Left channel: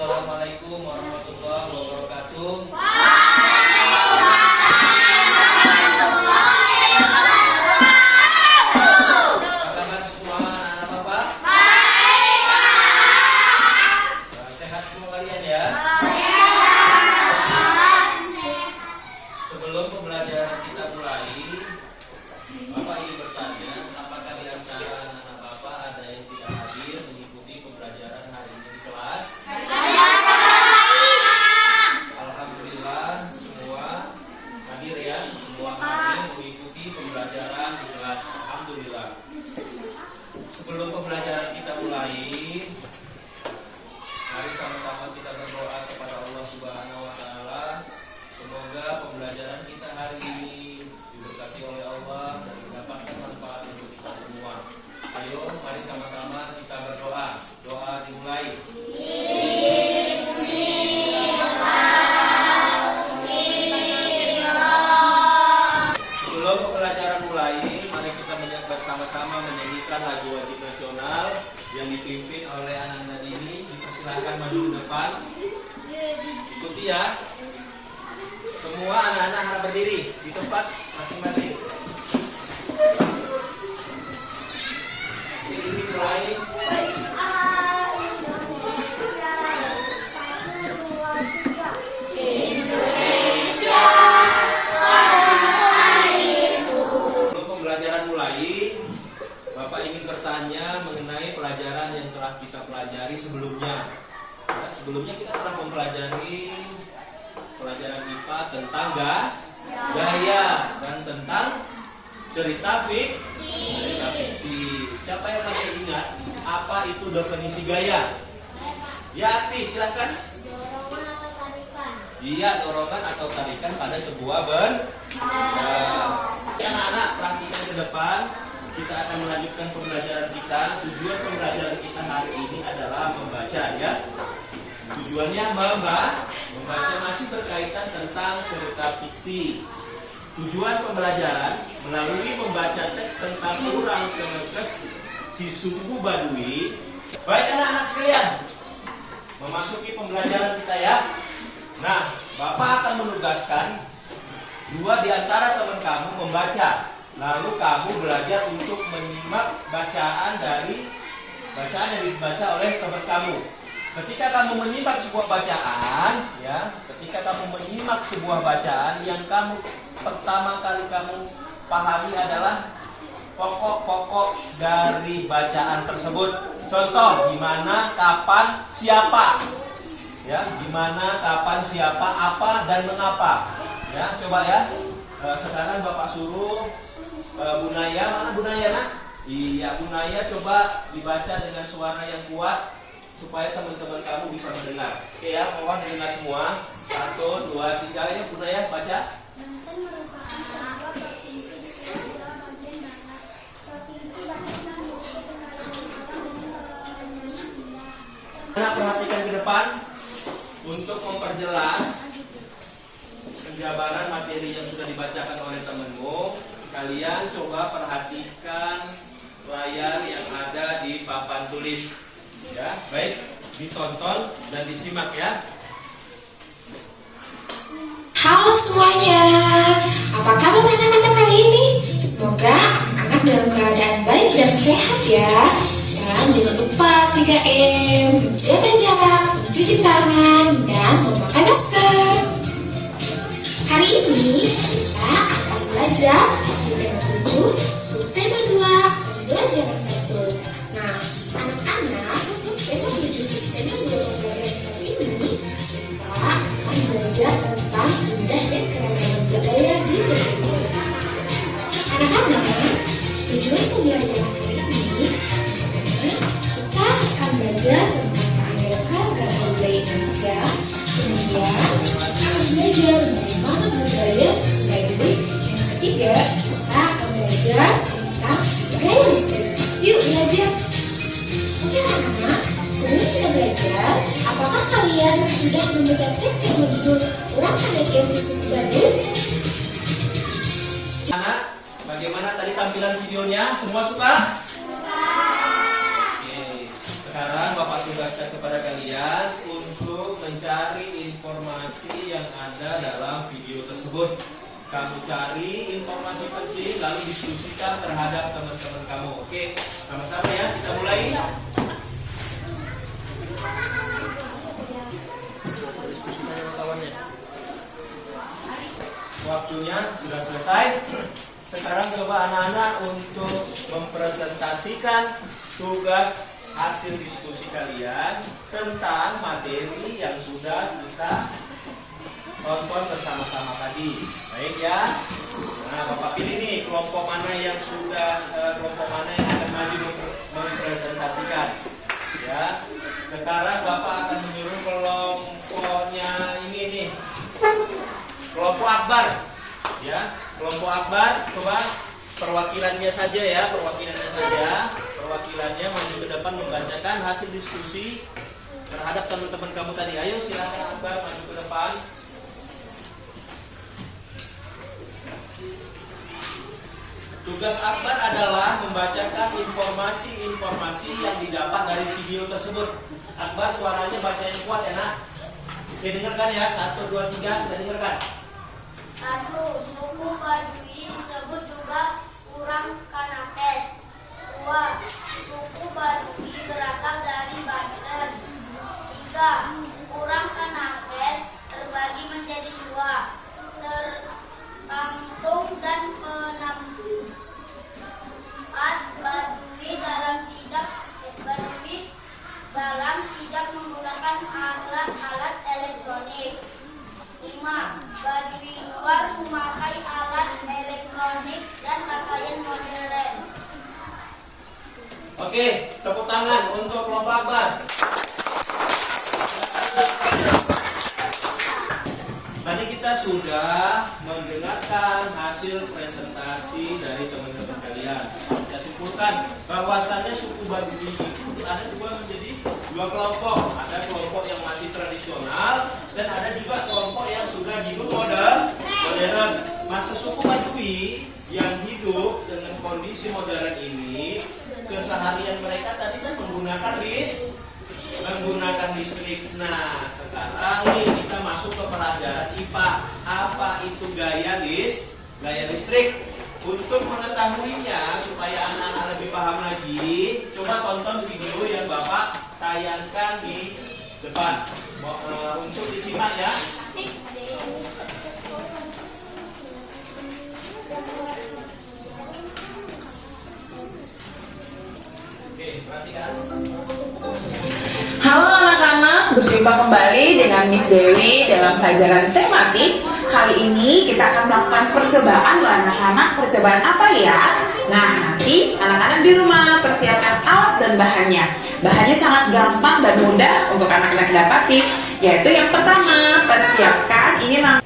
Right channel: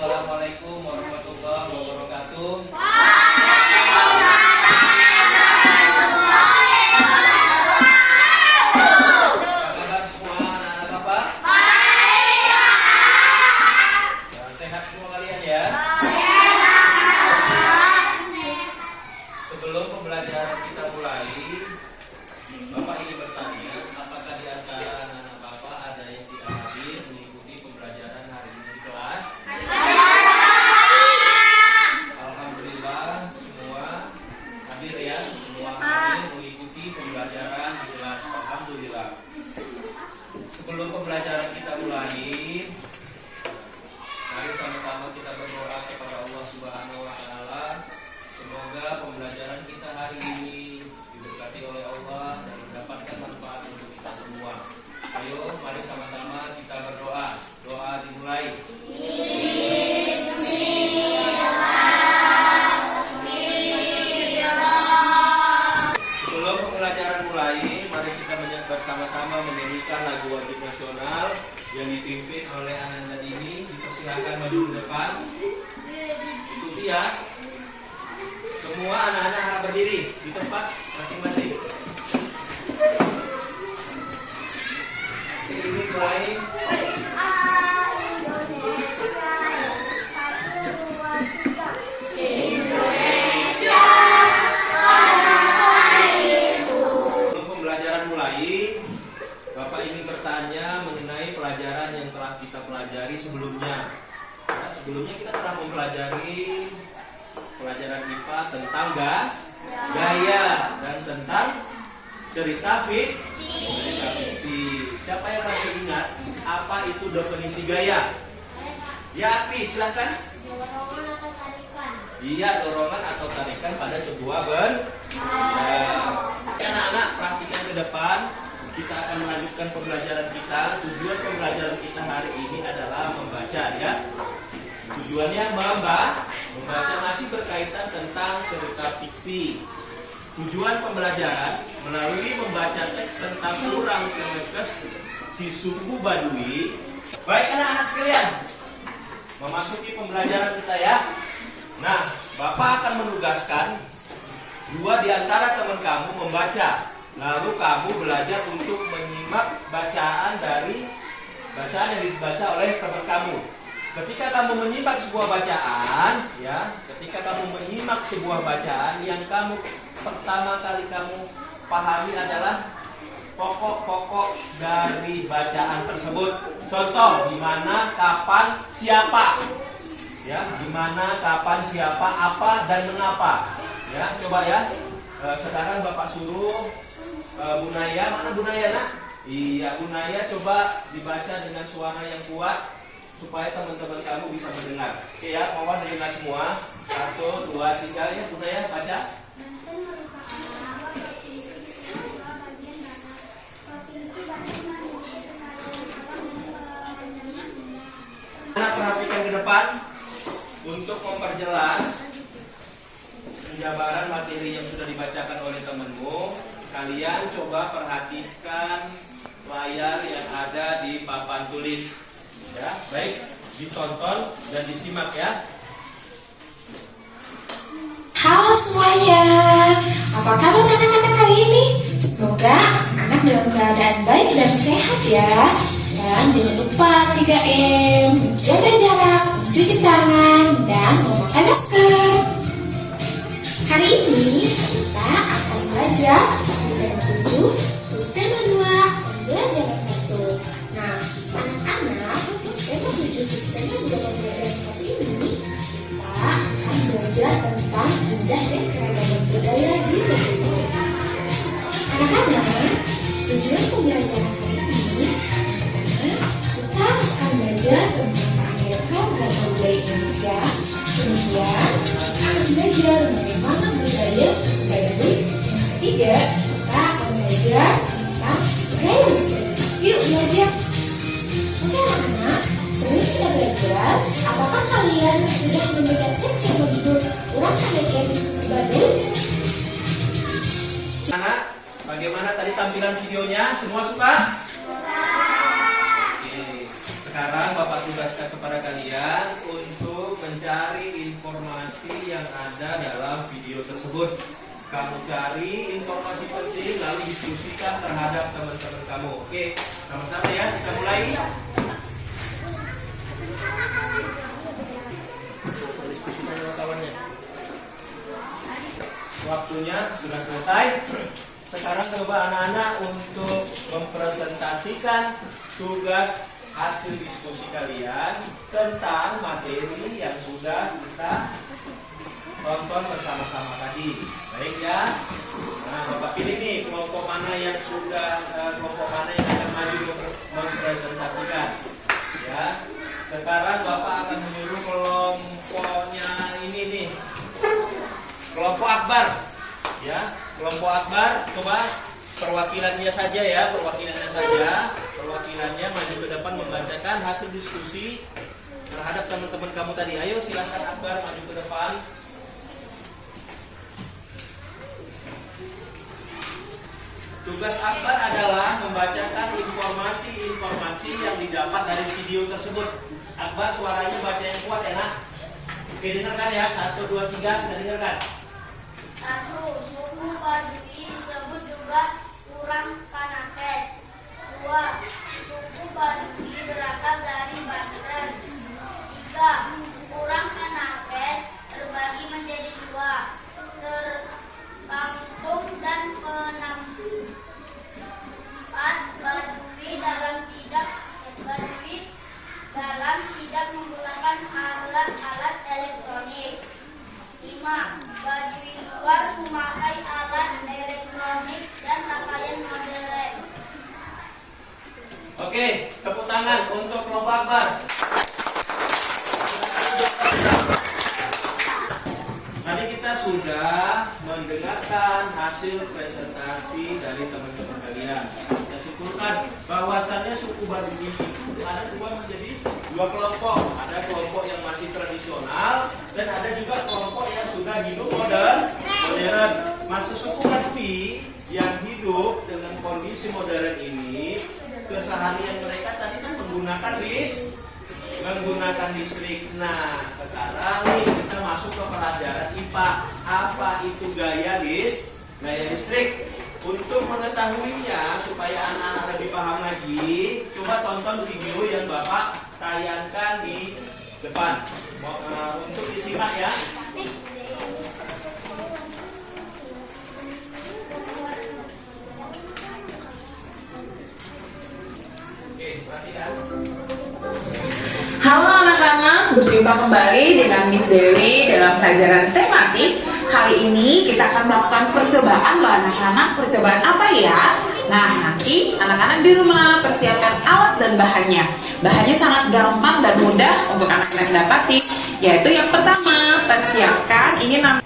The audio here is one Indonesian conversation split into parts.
Assalamualaikum warahmatullahi wabarakatuh. Apa kabar semua anak-anak Bapak? Sehat semua kalian ya? Sebelum pembelajaran kita mulai, Bapak ingin bertanya, apakah di antara anak-anak Bapak ada yang tidak hadir mengikuti pembelajaran hari ini di kelas? Alhamdulillah semua hadir ya, semua hadir mengikuti pembelajaran di kelas. Alhamdulillah. Sebelum pembelajaran kita mulai, mari sama-sama kita berdoa kepada Allah Subhanahu wa taala. Semoga pembelajaran kita hari ini diberkati oleh Allah dan mendapatkan manfaat untuk kita semua. Ayo, mari sama-sama kita berdoa. Doa dimulai. Sebelum pembelajaran mulai, mari kita bersama-sama menyanyikan lagu wajib nasional yang dipimpin oleh anak-anak ini. Dipersilakan maju ke depan. Ikuti ya. Semua anak-anak harap berdiri di tempat masing-masing. Ini mulai. Sebelum pembelajaran mulai, Bapak ingin bertanya mengenai pelajaran yang telah kita pelajari sebelumnya. Nah, sebelumnya kita telah mempelajari pelajaran IPA tentang gaya dan tentang cerita fiksi. Siapa yang masih ingat apa itu definisi gaya? Ya, Api, silahkan. Dorongan atau tarikan. Iya, dorongan atau tarikan pada sebuah benda. Anak-anak, perhatikan ke depan. Kita akan melanjutkan pembelajaran kita. Tujuan pembelajaran kita hari ini adalah membaca ya. Tujuannya membaca masih berkaitan tentang cerita fiksi. Tujuan pembelajaran melalui membaca teks tentang Urang Kenekes si suku Baduy. Baik anak-anak sekalian, memasuki pembelajaran kita ya. Nah, Bapak akan menugaskan dua di antara teman kamu membaca. Lalu kamu belajar untuk menyimak bacaan yang dibaca oleh teman kamu. Ketika kamu menyimak sebuah bacaan, ya, yang kamu pertama kali kamu pahami adalah pokok-pokok dari bacaan tersebut. Contoh, di mana, kapan, siapa, ya, di mana, kapan, siapa, apa, dan mengapa. Ya, coba ya. Sekarang Bapak suruh Bu Naya, mana Bu Naya nak? Iya, Bu Naya, coba dibaca dengan suara yang kuat supaya teman-teman kamu bisa mendengar. Oke ya, mohon dengar semua. 1, 2, 3 ya, Bu Naya baca. Banten merupakan nama provinsi di sebelah bagian barat. Provinsi Banten memiliki kekayaan alam dan pemandangan indah. Nah, perhatikan ke depan untuk memperjelas penjabaran materi yang sudah dibacakan oleh temanmu. Kalian coba perhatikan layar yang ada di papan tulis. Ya, baik, ditonton dan disimak ya. Halo semuanya, apa kabar anak-anak hari ini? Semoga anak dalam keadaan baik dan sehat ya. Dan jangan lupa 3M, menjaga jarak, mencuci tangan, dan memakai masker. Hari ini kita akan belajar di tema 7, subtema 2, pembelajaran 1. Nah, anak-anak, tema 7 subtema 2 pembelajaran 1 ini kita akan belajar tentang indah dan keragaman budaya di Bengkulu. Anak-anak, tujuan pembelajaran hari ini pertama, kita akan belajar tentang keragaman budaya Indonesia. Kemudian kita akan belajar bagaimana budaya suku Baduy. Yang ketiga, kita akan belajar tentang gaya listrik. Yuk belajar. Oke anak-anak, sebelum kita belajar, apakah kalian sudah membaca teks yang berjudul Urang Kenekes si suku Baduy? Anak, bagaimana tadi tampilan videonya? Semua suka? Oke. Sekarang Bapak tugaskan kepada kalian untuk mencari informasi yang ada dalam video tersebut. Kamu cari informasi penting lalu diskusikan terhadap teman-teman kamu. Oke, sama-sama ya, kita mulai. Waktunya sudah selesai. Sekarang coba anak-anak untuk mempresentasikan tugas hasil diskusi kalian tentang materi yang sudah kita tonton bersama-sama tadi. Baik ya. Nah, Bapak pilih nih kelompok mana yang akan maju mempresentasikan. Ya. Sekarang Bapak akan menyuruh kelompoknya ini nih. Kelompok Akbar. Ya, kelompok Akbar, coba perwakilannya saja ya, perwakilannya maju ke depan membacakan hasil diskusi terhadap teman-teman kamu tadi. Ayo silakan Akbar maju ke depan. Tugas Akbar adalah membacakan informasi yang didapat dari video tersebut. Akbar suaranya baca yang kuat ya nak. Oke, dengarkan ya, 1, 2, 3, kita dengarkan. 1. Suku Baduy disebut juga orang Kanakes. 2. Suku Baduy berasal dari Banten. 3. Orang Kanakes terbagi menjadi 2, tertantung dan penampung. 4. Baduy dalam tidak menggunakan alat elektronik. 5. Baduy luar memakai alat elektronik dan pakaian modern. Oke, tepuk tangan untuk kelompok Akbar. Tadi kita sudah mendengarkan hasil presentasi dari teman-teman kalian. Kita simpulkan bahwasannya suku Baduy itu ada menjadi dua kelompok. Ada kelompok yang masih tradisional dan ada juga kelompok yang sudah hidup modern. Masa suku Baduy yang hidup dengan kondisi modern ini, keseharian mereka tadi kan menggunakan listrik. Nah, sekarang nih kita masuk ke pelajaran IPA. Apa itu gaya listrik? Untuk mengetahuinya supaya anak-anak lebih paham lagi, coba tonton video yang Bapak tayangkan di depan. Untuk disimak ya. Oke, perhatikan. Halo anak-anak, berjumpa kembali dengan Miss Dewi dalam pelajaran tematik. Kali ini kita akan melakukan percobaan loh anak-anak. Percobaan apa ya? Nah, nanti anak-anak di rumah persiapkan alat dan bahannya. Bahannya sangat gampang dan mudah untuk anak-anak dapati. Yaitu yang pertama, persiapkan ini Nah,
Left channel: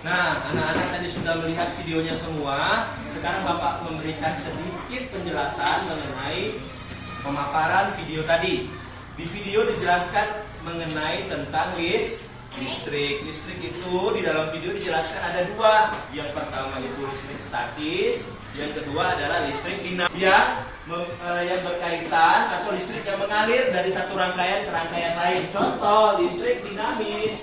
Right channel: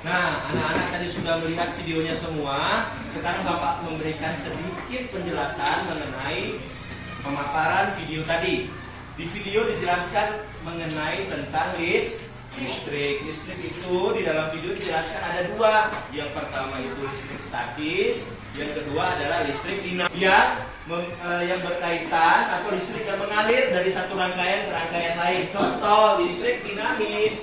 anak-anak tadi sudah melihat videonya semua. Sekarang Bapak memberikan sedikit penjelasan mengenai pemaparan video tadi. Di video dijelaskan mengenai tentang listrik. Listrik itu di dalam video dijelaskan ada dua. Yang pertama itu listrik statis, yang kedua adalah listrik dinamis yang berkaitan atau listrik yang mengalir dari satu rangkaian ke rangkaian lain. Contoh listrik dinamis.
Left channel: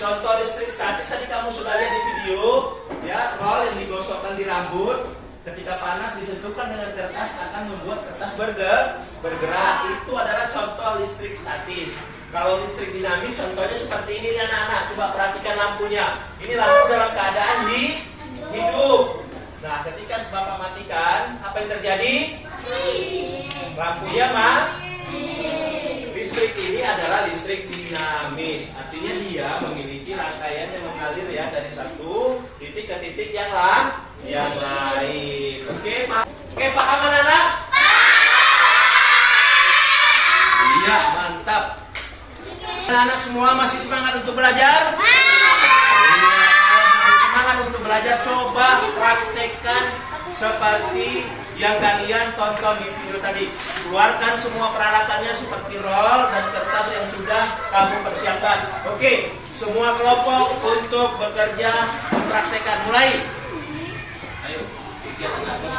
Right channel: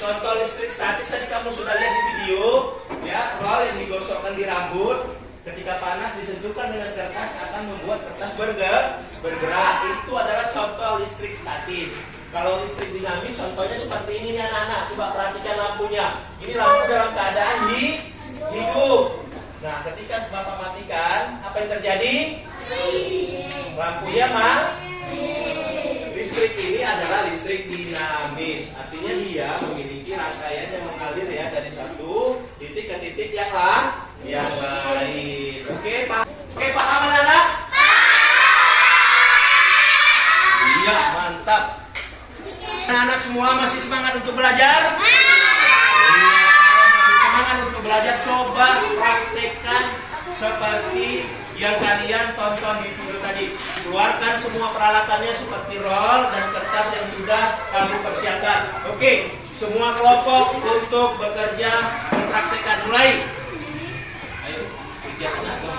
Contoh listrik statis tadi kamu sudah lihat di video, ya, rol yang digosokkan di rambut. Ketika panas disentuhkan dengan kertas akan membuat kertas bergerak. Itu adalah contoh listrik statis. Kalau listrik dinamis contohnya seperti ini nih anak-anak. Coba perhatikan lampunya. Ini lampu dalam keadaan hidup. Nah, ketika Bapak matikan, apa yang terjadi? Lampunya listrik ini adalah listrik dinamis. Artinya dia memiliki rangkaian yang mengalir ya dari satu titik ke titik yang lain. Oke, paham anak-anak? Iya, mantap. Anak-anak semua masih semangat untuk belajar? Iya, masih semangat untuk belajar. Coba praktekkan seperti yang kalian tonton di video tadi. Keluarkan semua peralatannya seperti roll dan kertas yang sudah kamu persiapkan. Oke, semua kelompok untuk bekerja mempraktekkan. Mulai. Ayo, kegiatan apa?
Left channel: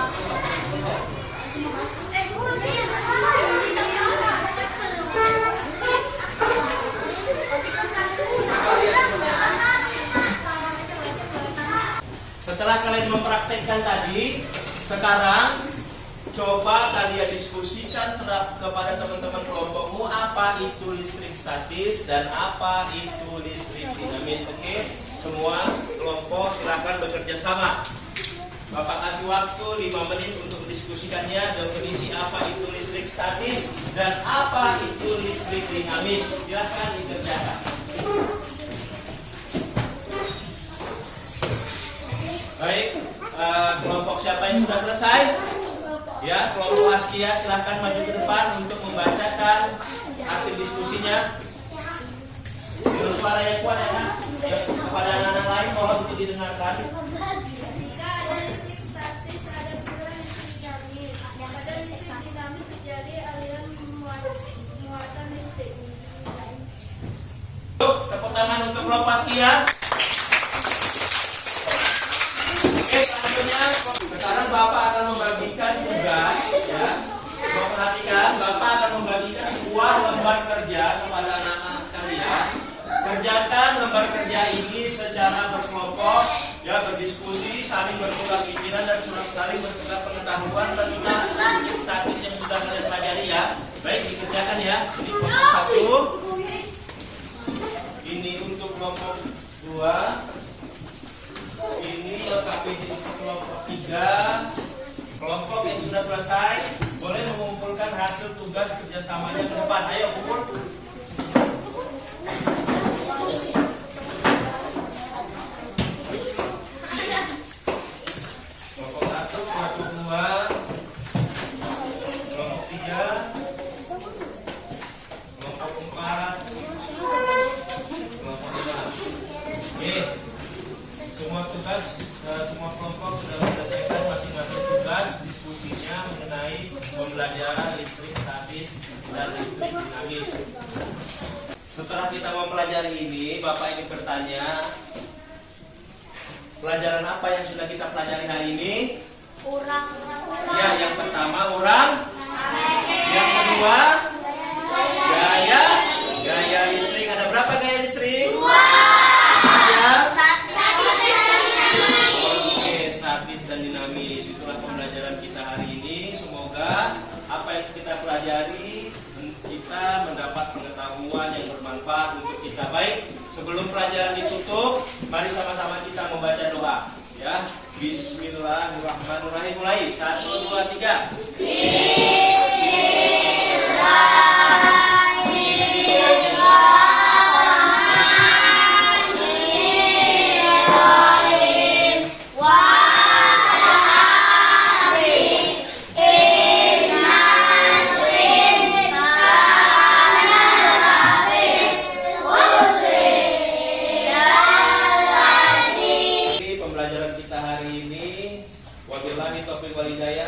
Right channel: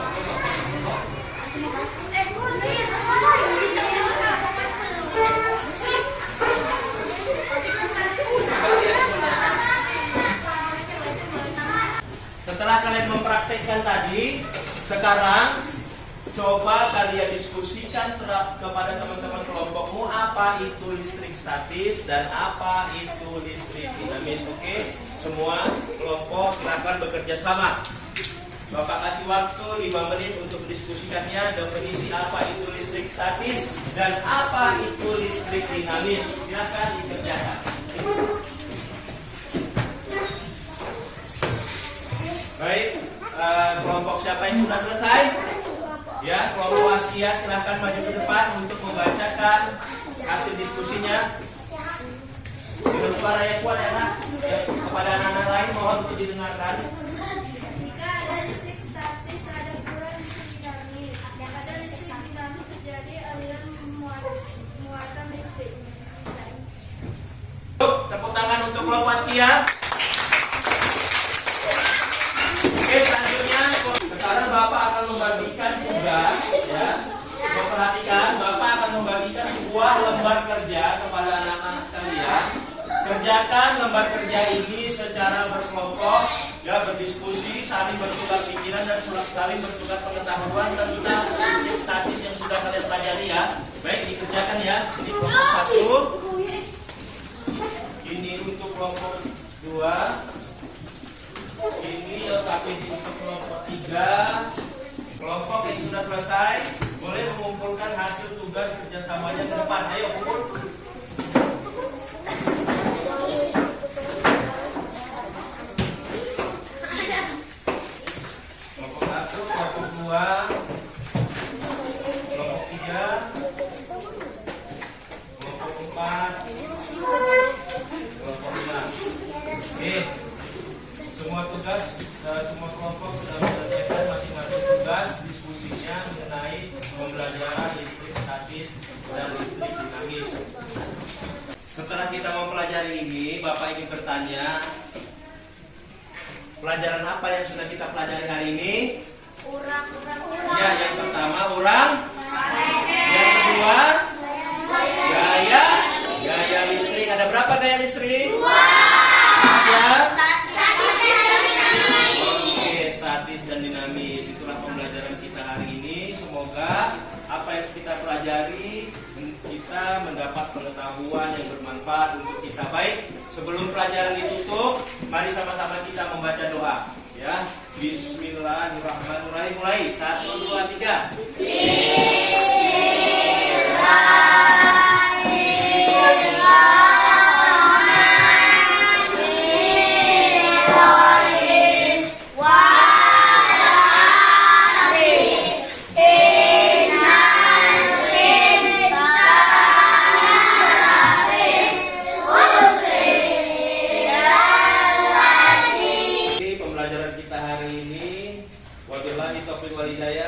kalian mempraktekkan tadi, sekarang coba kalian diskusikan kepada teman-teman kelompokmu apa itu listrik statis dan apa itu listrik dinamis. Oke, semua kelompok silakan bekerja sama. Bapak kasih waktu 5 menit untuk diskusikannya, definisi apa itu listrik statis dan apa itu listrik dinamis. Silakan dikerjakan. Baik, kelompok siapa yang sudah selesai? Ya, kelompok Askia silahkan maju ke depan untuk membacakan hasil diskusinya dengan suara yang kuat ya, Nak. Ya, kepada anak-anak lain mohon untuk didengarkan. Jika ada listrik statis, ada pula listrik dinamis. Pada listrik dinamis terjadi aliran muatan listrik. Tepuk tangan untuk kelompok Askia. Oke, selanjutnya sekarang Bapak akan membagikan tugas ya. Perhatikan, Bapak akan membagikan sebuah lembar kerja kepada anak-anak sekalian. Kerjakan lembar kerja ini secara berkelompok, ya, berdiskusi, saling bertukar pikiran dan saling bertukar pengetahuan tentang listrik statis yang sudah kalian pelajari ya. Baik, dikerjakan ya. Ini kelompok 1. Ini untuk kelompok 2. Ini LKPD untuk kelompok 3. Kelompok yang sudah selesai boleh mengumpulkan hasil tugas kerjasamanya ke depan. Ayo kumpul. Kelompok 1, kelompok 2, kelompok 3, kelompok 4, kelompok 5. Oke. Semua tugas, semua kelompok sudah menyelesaikan masing-masing tugas diskusinya mengenai pembelajaran listrik statis dan listrik dinamis. Setelah kita mempelajari ini, Bapak ingin bertanya, pelajaran apa yang sudah kita pelajari hari ini? Ya, yang pertama urang, yang kedua gaya listrik. Ada berapa gaya listrik? 2. Ya. Statis dan dinamis. Itulah pembelajaran kita hari ini. Semoga apa yang kita pelajari kita mendapat pengetahuan yang bermanfaat untuk kita. Baik, sebelum pelajaran ditutup, mari sama-sama kita membaca doa ya. Bismillahirrahmanirrahim. Mulai 1, 2, 3.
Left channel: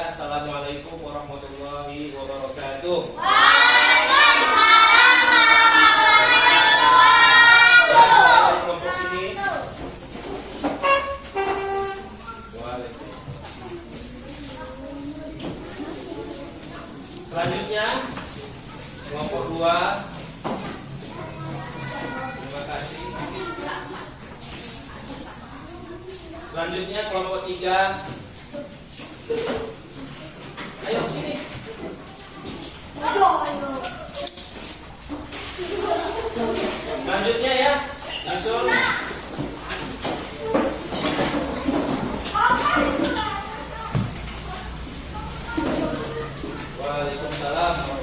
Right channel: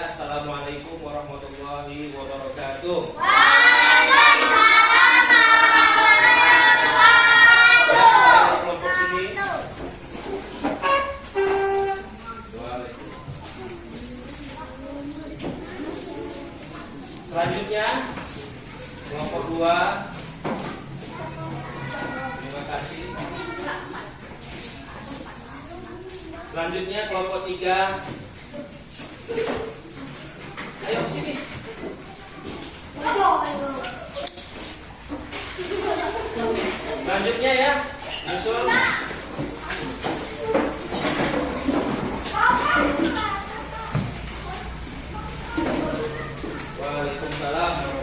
Assalamualaikum warahmatullahi wabarakatuh. Kelompok sini. Selanjutnya kelompok 2. Terima kasih. Selanjutnya kelompok 3. Ayo sini. Selanjutnya ya, nyusul. Waalaikumsalam.